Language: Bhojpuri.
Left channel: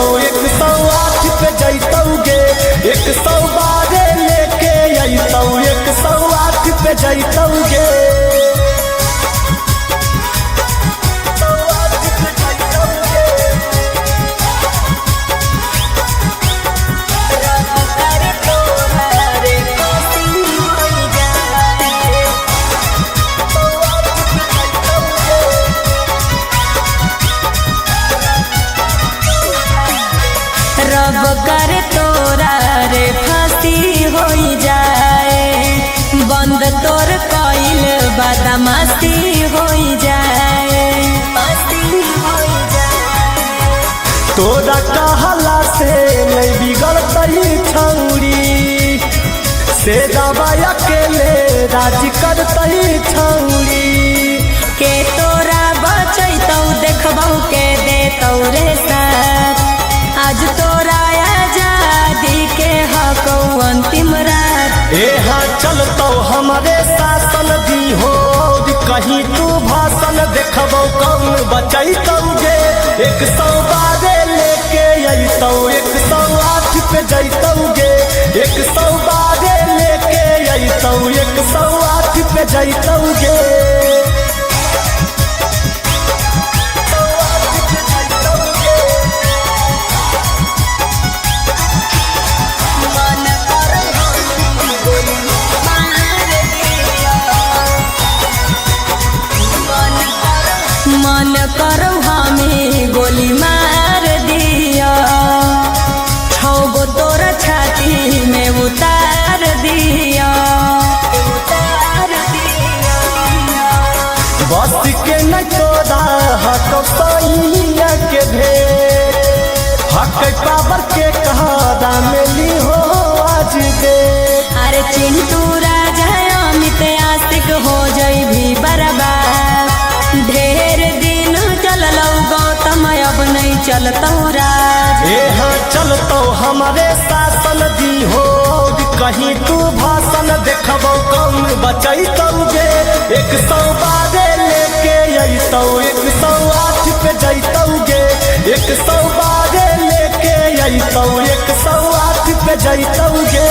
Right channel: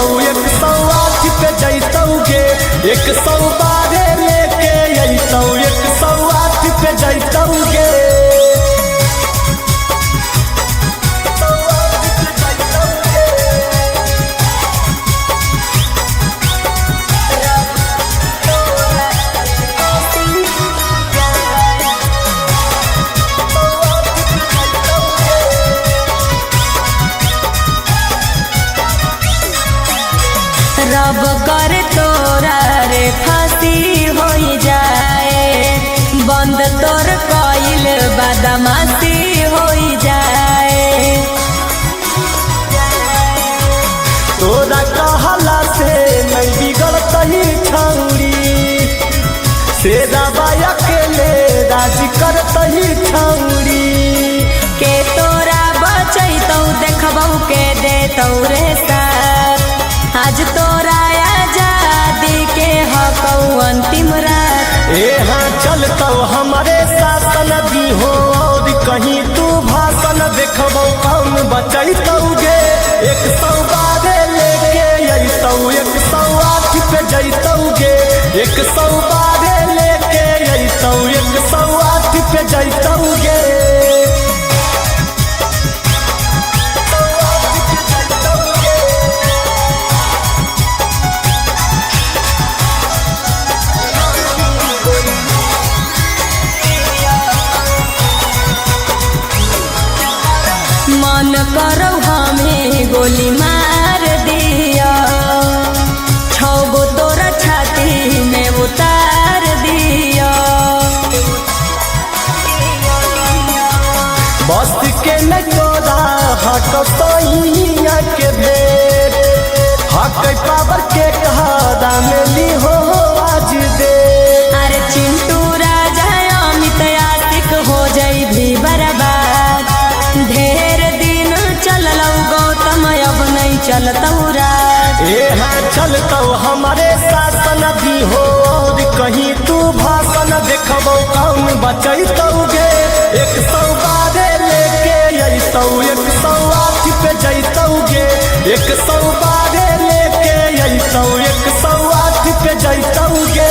जैतौ 108 पे जैतौगे 112 लेके अइतौ 108 पे जैतौगे रब करे तोरा रे फांसी हो जाए बंद तोर कइल बदमाशी हो जाए तोरा कहला से नहीं बिगड़तई छौरी से दबाया के ले राजी करतई छौरी के तोरा बचैतौ देखबौ के देतौ रे साथ आज तोरा आजादी के हकौ अंतिम रात हाँ चलतौ हमारे शासन दी हो कहीं तू भाषण देखबौ कौन बचैतौगे 112 लेके अइतौ 108 पे जैतौगे 112 लेके अइतौ 108 पे जैतौगे मन करो हमें गोली मार दिया छो तोरा छाती में उतार दिया बस के न तोरा हट सैया के भेद हक काबर के कहा मिली हो आज दे अरे चिंटू राजा अमित आशिक हो जाई भी बर्बाद ढेर दिन चललौ गौतम अब नहीं चलतौ राज हम चलतौ हमारे शासन दी हो कहीं तू भाषण देखबौ कौन बचैतौगे 112 लेके अइतौ 108 पे जैतौगे 112 लेके अइतौ 108 पे जैतौगे